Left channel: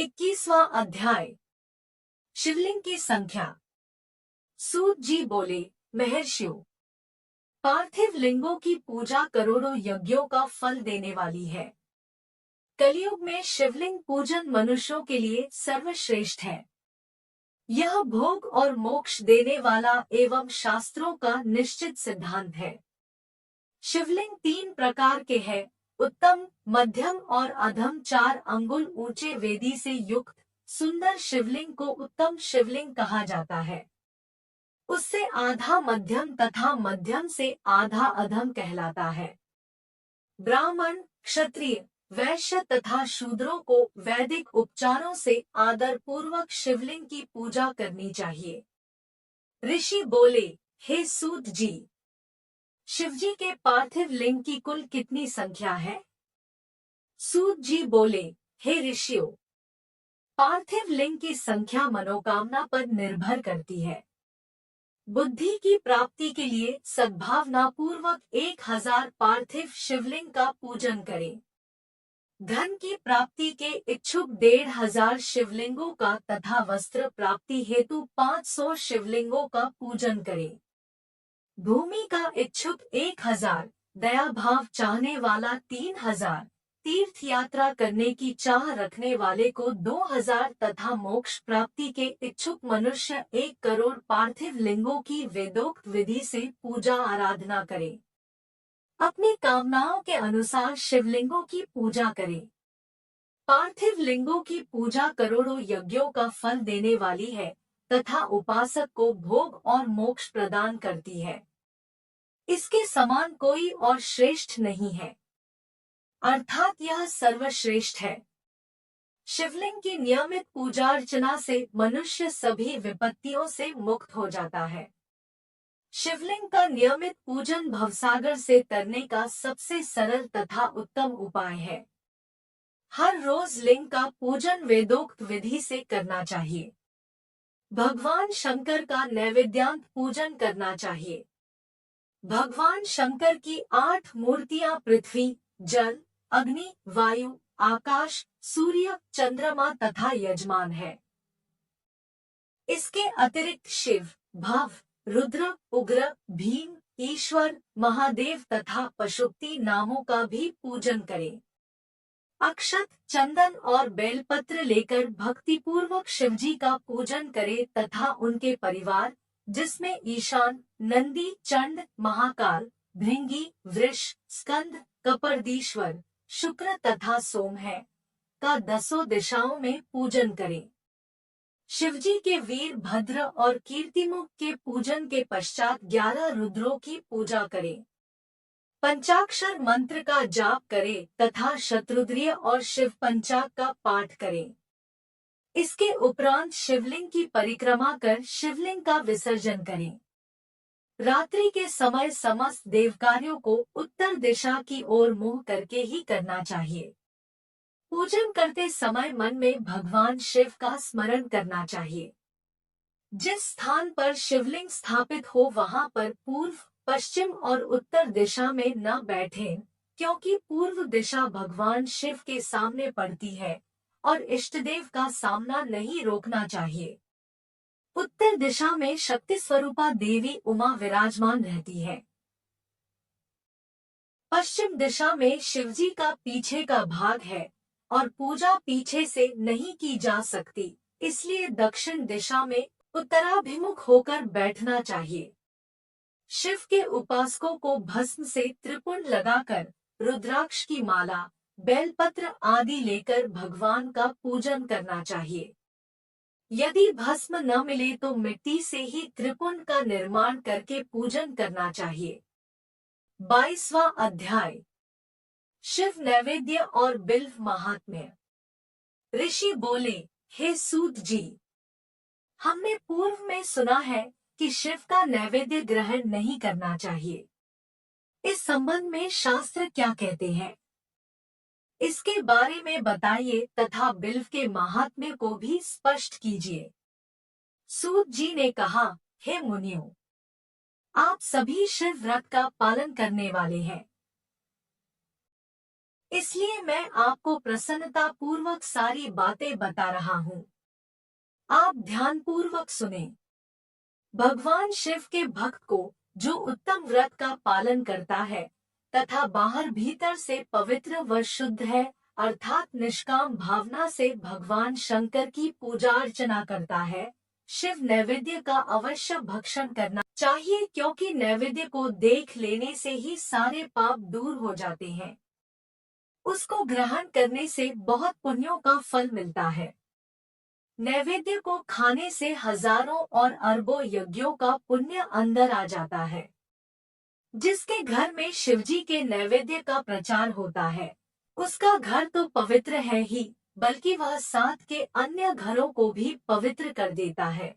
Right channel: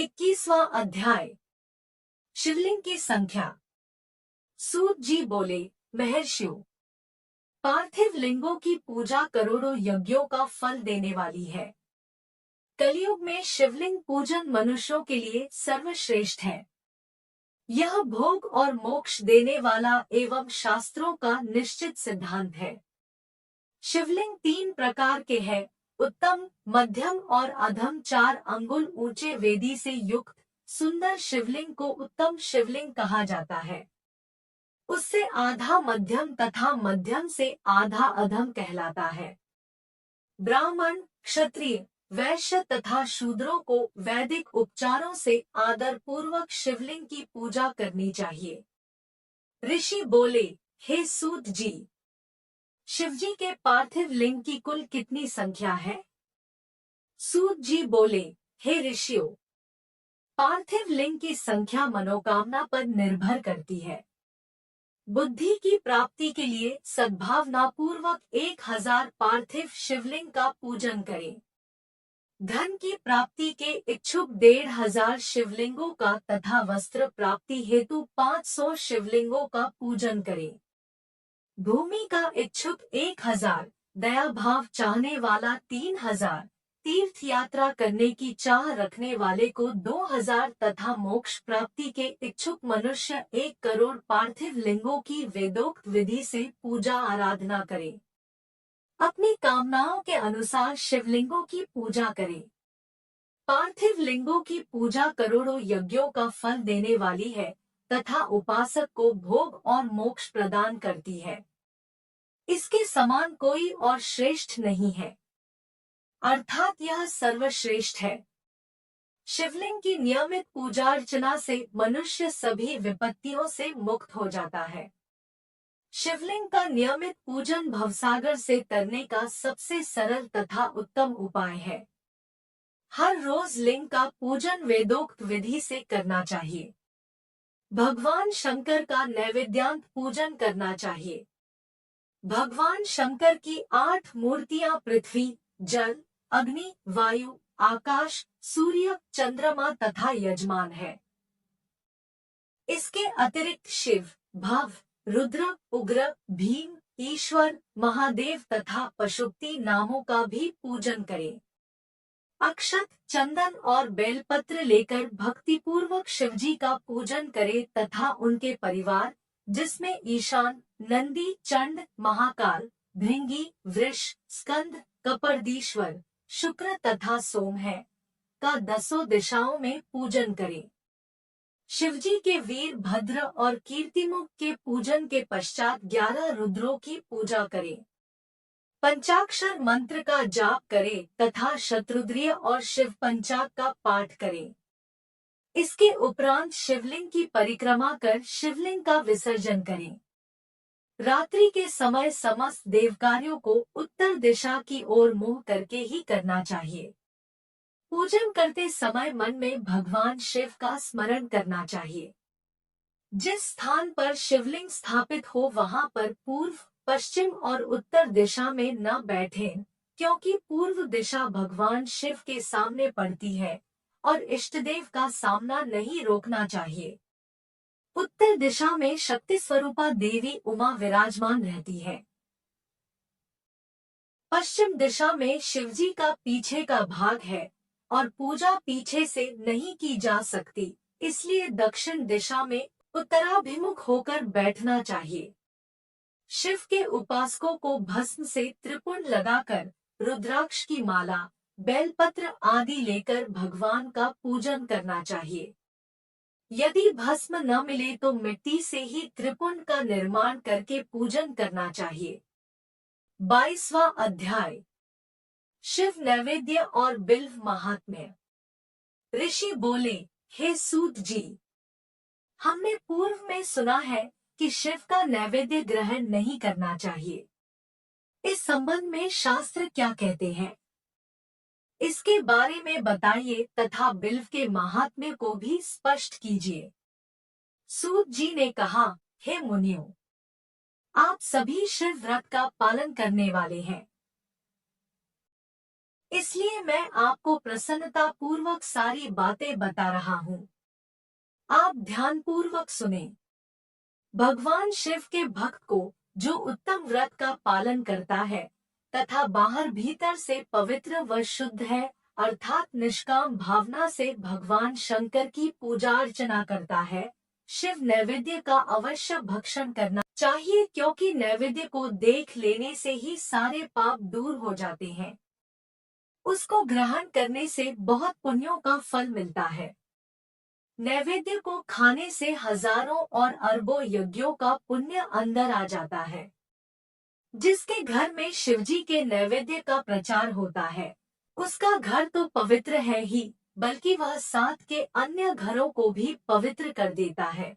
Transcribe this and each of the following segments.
21वां अध्याय। शिवलिंग की संख्या। सूत जी बोले, महर्षियों, पार्थिव लिंगों की पूजा करोड़ों यज्ञों का फल देने वाली है। कलयुग में शिवलिंग पूजन मनुष्यों के लिए सर्वश्रेष्ठ है। यह भोग और मोक्ष देने वाला एवं शास्त्रों का निश्चित सिद्धांत है। शिवलिंग 3 प्रकार के हैं, उत्तम, मध्यम और अधम। 4 अंगुल ऊंचे वेदी से युक्त सुंदर शिवलिंग को उत्तम शिवलिंग कहा जाता है। उससे आधा मध्यम तथा मध्यम से आधा अधम कहलाता है। ब्राह्मण, क्षत्रिय, वैश्य तथा शूद्रों को वैदिक उपचारों से आदर पूर्वक शिवलिंग की पूजा करनी चाहिए। ऋषि बोले, हे सूत जी, शिवजी के पार्थिव लिंग की कुल कितनी संख्या है? सूत जी बोले, हे ऋषियों, पार्थिव लिंग की संख्या मनोकामना पर निर्भर करती है। बुद्धि की प्राप्ति के लिए सद्भावना पूर्वक 1000 पार्थिव शिवलिंग का पूजन करें। धन की प्राप्ति के इच्छुक 1500 शिवलिंगों का तथा वस्त्र प्राप्ति हेतु 500 शिवलिंगों का पूजन करें। भूमि का इच्छुक 1000, दया भाव चाहने वाला 3000, तीर्थ यात्रा करने की चाह रखने वाले को 2000 तथा मोक्ष प्राप्ति के इच्छुक मनुष्य 1 करोड़ पार्थिव लिंगों की वेदोक्त विधि से पूजा आराधना करें। अपनी कामनाओं के अनुसार शिवलिंगों की पूजा करें। पार्थिव लिंगों की पूजा करोड़ों यज्ञों का फल देने वाली है तथा उपासक को भोग और मोक्ष प्रदान करती है। इसके समान कोई और श्रेष्ठ नहीं है, अर्थात यह सर्वश्रेष्ठ है। शिवलिंग की नियमित पूजा अर्चना से मनुष्य सभी विपत्तियों से मुक्त हो जाता है। शिवलिंग का नियमित पूजन भवसागर से तरने का सबसे सरल तथा उत्तम उपाय है। हर रोज लिंग का पूजन वेदोक्त विधि से करना चाहिए। भगवान शंकर का नैवेद्यांत पूजन करना चाहिए। भगवान शंकर की 8 मूर्तियां पृथ्वी, जल, अग्नि, वायु, आकाश, सूर्य, चंद्रमा तथा यजमान है। इसके अतिरिक्त शिव, भव, रुद्र, उग्र, भीम, ईश्वर, महादेव तथा पशुपति नामों का भी पूजन करें। अक्षत, चंदन और बेलपत्र लेकर भक्तिपूर्वक शिवजी का पूजन करें तथा उनके परिवार, जिसमें ईशान, नंदी, चंड, महाकाल, भृंगी, वृष, स्कंद, कपर्दीश्वर, शुक्र तथा सोम है, का 10 दिशाओं में पूजन करें। शिवजी के वीर भद्र और कीर्तिमुख के पूजन के पश्चात 11 रुद्रों की पूजा करें। पंचाक्षर मंत्र का जाप करें तथा शतरुद्रीय और शिव पंचाग का पाठ करें। इसके उपरांत शिवलिंग की परिक्रमा कर शिवलिंग का विसर्जन करें। रात्रि के समय समस्त देवकार्यों को उत्तर दिशा की ओर मुंह करके ही करना चाहिए। पूजन करते समय मन में भगवान शिव का स्मरण करना चाहिए। जिस स्थान पर शिवलिंग स्थापित हो वहां पर पूर्व, पश्चिम और उत्तर दिशा में न बैठें, क्योंकि पूर्व दिशा भगवान शिव के सामने पड़ती है और इष्टदेव का सामना नहीं रोकना चाहिए। उत्तर दिशा में शक्ति स्वरूपा देवी उमा विराजमान रहती है। पश्चिम दिशा में शिवजी का पीछे का भाग है और पूजा पीछे से नहीं की जा सकती, इसलिए दक्षिण दिशा में उत्तराभिमुख होकर बैठना चाहिए। शिव के उपासकों को भस्म से त्रिपुंड लगाकर रुद्राक्ष की माला, बेलपत्र आदि लेकर भगवान का पूजन करना चाहिए। यदि भस्म न मिले तो मिट्टी से ही त्रिपुंड का निर्माण करके पूजन करना चाहिए। 22वां अध्याय। शिव नैवेद्य और बिल्व महात्म्य। ऋषि बोले, हे सूत जी, हमने पूर्व में सुना है कि शिव का नैवेद्य ग्रहण नहीं करना चाहिए। इस संबंध में शास्त्र क्या कहते हैं, इसके बारे में बताइए तथा बिल्व के महात्म्य को भी स्पष्ट कीजिए। सूत जी ने कहा, हे मुनियों, आप सभी शिव व्रत का पालन करने वाले हैं। इसलिए मैं आपको प्रसन्नता पूर्वक सारी बातें बता रहा हूँ। आप ध्यानपूर्वक सुने। भगवान शिव के भक्त को जो उत्तम व्रत का पालन करता है तथा बाहर भीतर से पवित्र व शुद्ध है, अर्थात निष्काम भावना से भगवान शंकर की पूजा अर्चना करता है, शिव नैवेद्य का अवश्य भक्षण करना चाहिए, क्योंकि नैवेद्य को देख लेने से ही सारे पाप दूर हो जाते हैं। उसको ग्रहण करने से बहुत पुण्यों का फल मिलता है। नैवेद्य को खाने से हजारों और अरबों यज्ञों का पुण्य अंदर आ जाता है। जिसके घर में शिवजी के नैवेद्य का प्रचार होता है, उसका घर तो पवित्र है ही, बल्कि वह साथ के अन्य घरों को भी पवित्र कर देता है।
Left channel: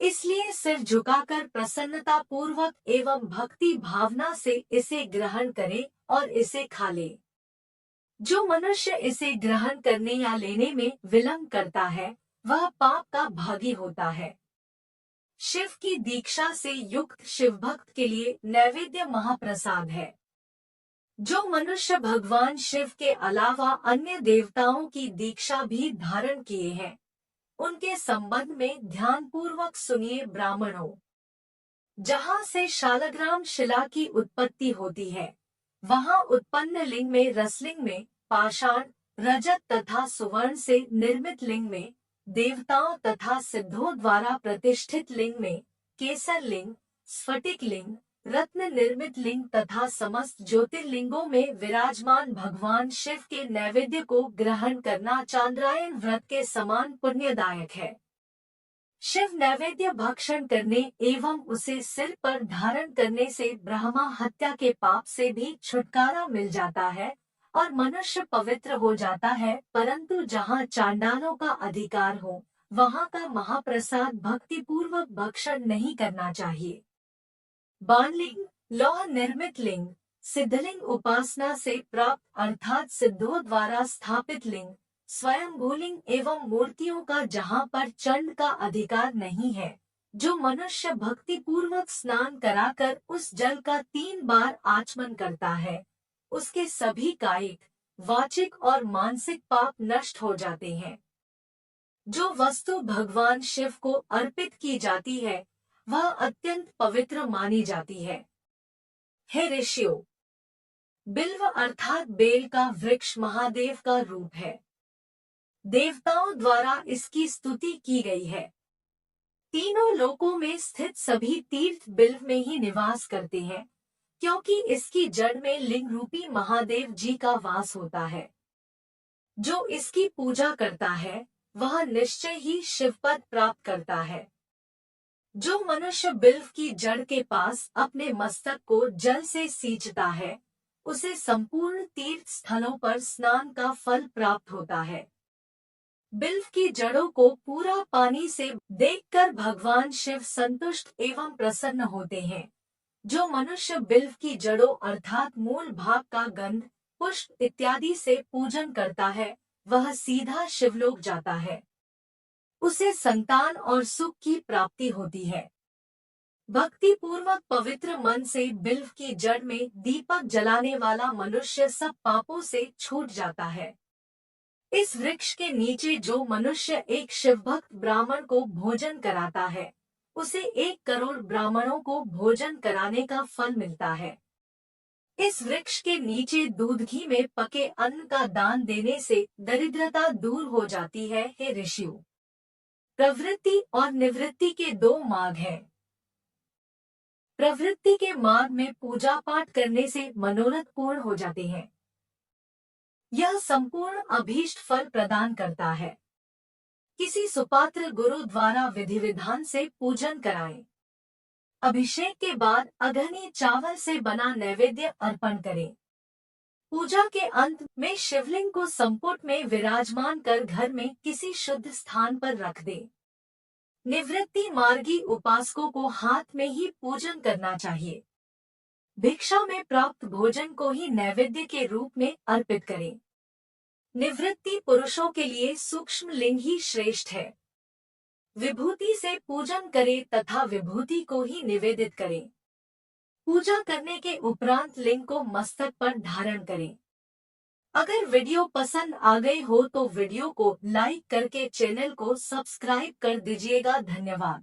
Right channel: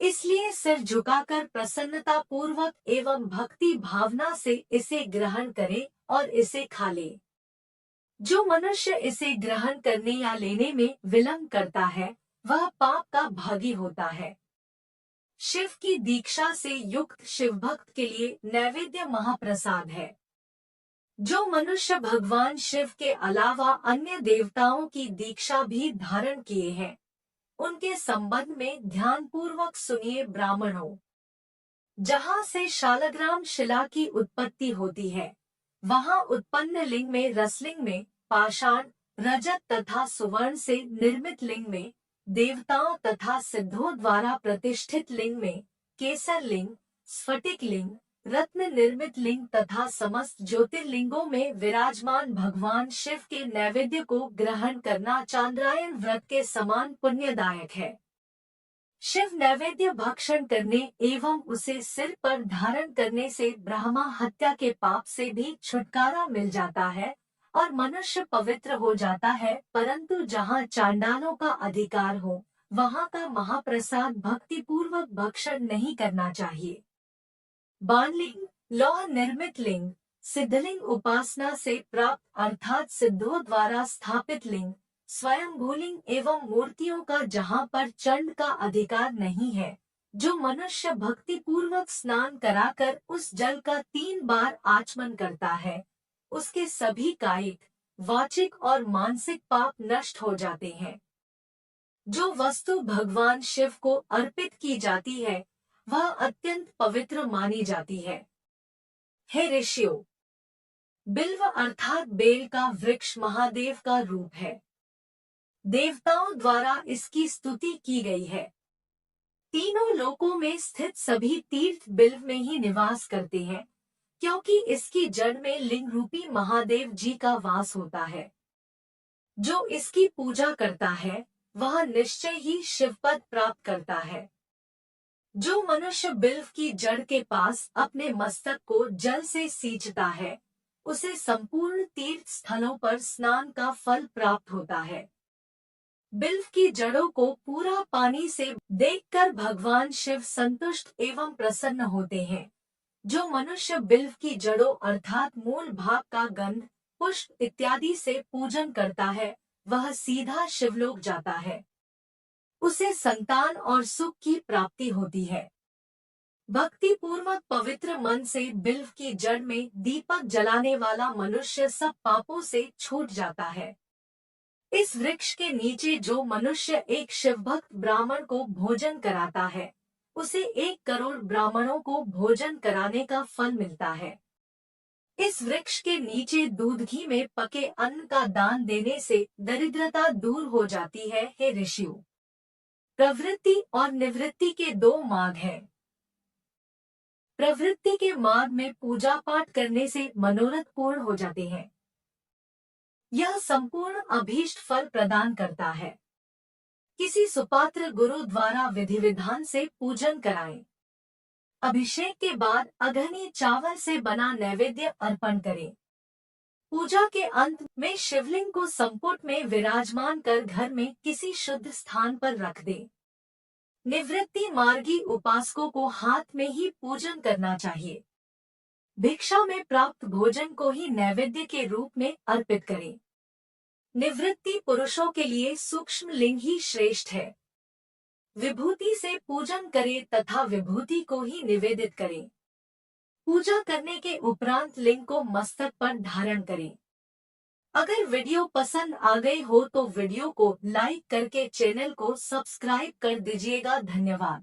इसलिए सिर झुकाकर प्रसन्नता पूर्वक एवं भक्ति भावना से इसे ग्रहण करे और इसे खा ले। जो मनुष्य इसे ग्रहण करने या लेने में विलंब करता है, वह पाप का भागी होता है। शिव की दीक्षा से युक्त शिव भक्त के लिए नैवेद्य महाप्रसाद है। जो मनुष्य भगवान शिव के अलावा अन्य देवताओं की दीक्षा भी धारण किए हैं, उनके संबंध में ध्यानपूर्वक सुनिए ब्राह्मणों। जहाँ से शालग्राम शिला की उत्पत्ति होती है, वहाँ उत्पन्न लिंग में रसलिंग में पाषाण, रजत तथा सुवर्ण से निर्मित लिंग में देवताओं तथा सिद्धों द्वारा प्रतिष्ठित लिंग में केसर लिंग, स्फटिक लिंग, रत्न निर्मित लिंग तथा समस्त ज्योतिर्लिंगों में विराजमान भगवान शिव के नैवेद्य को ग्रहण करना चांद्रायन व्रत के समान पुण्यदायक है। शिव नैवेद्य भक्षण करने एवं उसे सिर पर धारण करने से ब्रह्मा हत्या के पाप से भी छुटकारा मिल जाता है और मनुष्य पवित्र हो जाता है। परंतु जहाँ चांडालों का अधिकार हो, वहाँ का महाप्रसाद भक्ति पूर्वक भक्षण नहीं करना चाहिए। बाणलिंग, लौह निर्मित लिंग, सिद्धलिंग उपासना से प्राप्त अर्थात सिद्धों द्वारा स्थापित लिंग, स्वयंभूलिंग एवं मूर्तियों का जहाँ पर चंड का अधिकार नहीं है, जो मनुष्य भक्ति पूर्वक स्नान कराकर उस जल का 3 बार आचमन करता है, उसके सभी कायिक, वाचिक और मानसिक पाप नष्ट हो जाते हैं। जो वस्तु भगवान शिव को अर्पित की जाती है, वह अत्यंत पवित्र मानी जाती है। हे ऋषियों, बिल्व अर्थात बेल का वृक्ष महादेव का रूप है। देवताओं द्वारा इसकी स्तुति की गई है। तीनों लोकों में स्थित सभी तीर्थ बिल्व में ही निवास करते हैं, क्योंकि इसकी जड़ में लिंग रूपी महादेव जी का वास होता है। जो इसकी पूजा करता है, वह निश्चय ही शिवपद प्राप्त करता है। जो मनुष्य बिल्व की जड़ के पास अपने मस्तक को जल से सींचता है, उसे संपूर्ण तीर्थ स्थलों पर स्नान का फल प्राप्त होता है। बिल्व की जड़ों को पूरा पानी से देखकर भगवान शिव संतुष्ट एवं प्रसन्न होते हैं। जो मनुष्य बिल्व की जड़ों अर्थात मूल भाग का गंध, पुष्प इत्यादि से पूजन करता है, वह सीधा शिवलोक जाता है। उसे संतान और सुख की प्राप्ति होती है। भक्ति पूर्वक पवित्र मन से बिल्व की जड़ में दीपक जलाने वाला मनुष्य सब पापों से छूट जाता है। इस वृक्ष के नीचे जो मनुष्य एक शिवभक्त ब्राह्मण को भोजन कराता है, उसे 1 करोड़ ब्राह्मणों को भोजन कराने का फल मिलता है। इस वृक्ष के नीचे दूध घी में पके अन्न का दान देने से दरिद्रता दूर हो जाती है। हे ऋषियों, प्रवृत्ति और निवृत्ति के 2 मार्ग हैं। प्रवृत्ति के मार्ग में पूजा पाठ करने से मनोरथ पूर्ण हो जाते हैं। यह संपूर्ण अभीष्ट फल प्रदान करता है। किसी सुपात्र गुरु द्वारा विधि विधान से पूजन कराएं। अभिषेक के बाद अघनी चावल से बना नैवेद्य अर्पण करें। पूजा के अंत में शिवलिंग को संपुट में विराजमान कर घर में किसी शुद्ध स्थान पर रख दें। निवृत्ति मार्गी उपासकों को हाथ में ही पूजन करना चाहिए। भिक्षा में प्राप्त भोजन को ही नैवेद्य के रूप में अर्पित करें। निवृत्ति पुरुषों के लिए सूक्ष्म लिंग ही श्रेष्ठ है। विभूति से पूजन करें तथा विभूति को ही निवेदित करें। पूजा करने के उपरांत लिंग को मस्तक पर धारण करें। अगर वीडियो पसंद आ गई हो तो वीडियो को लाइक करके चैनल को सब्सक्राइब कर दीजिएगा। धन्यवाद।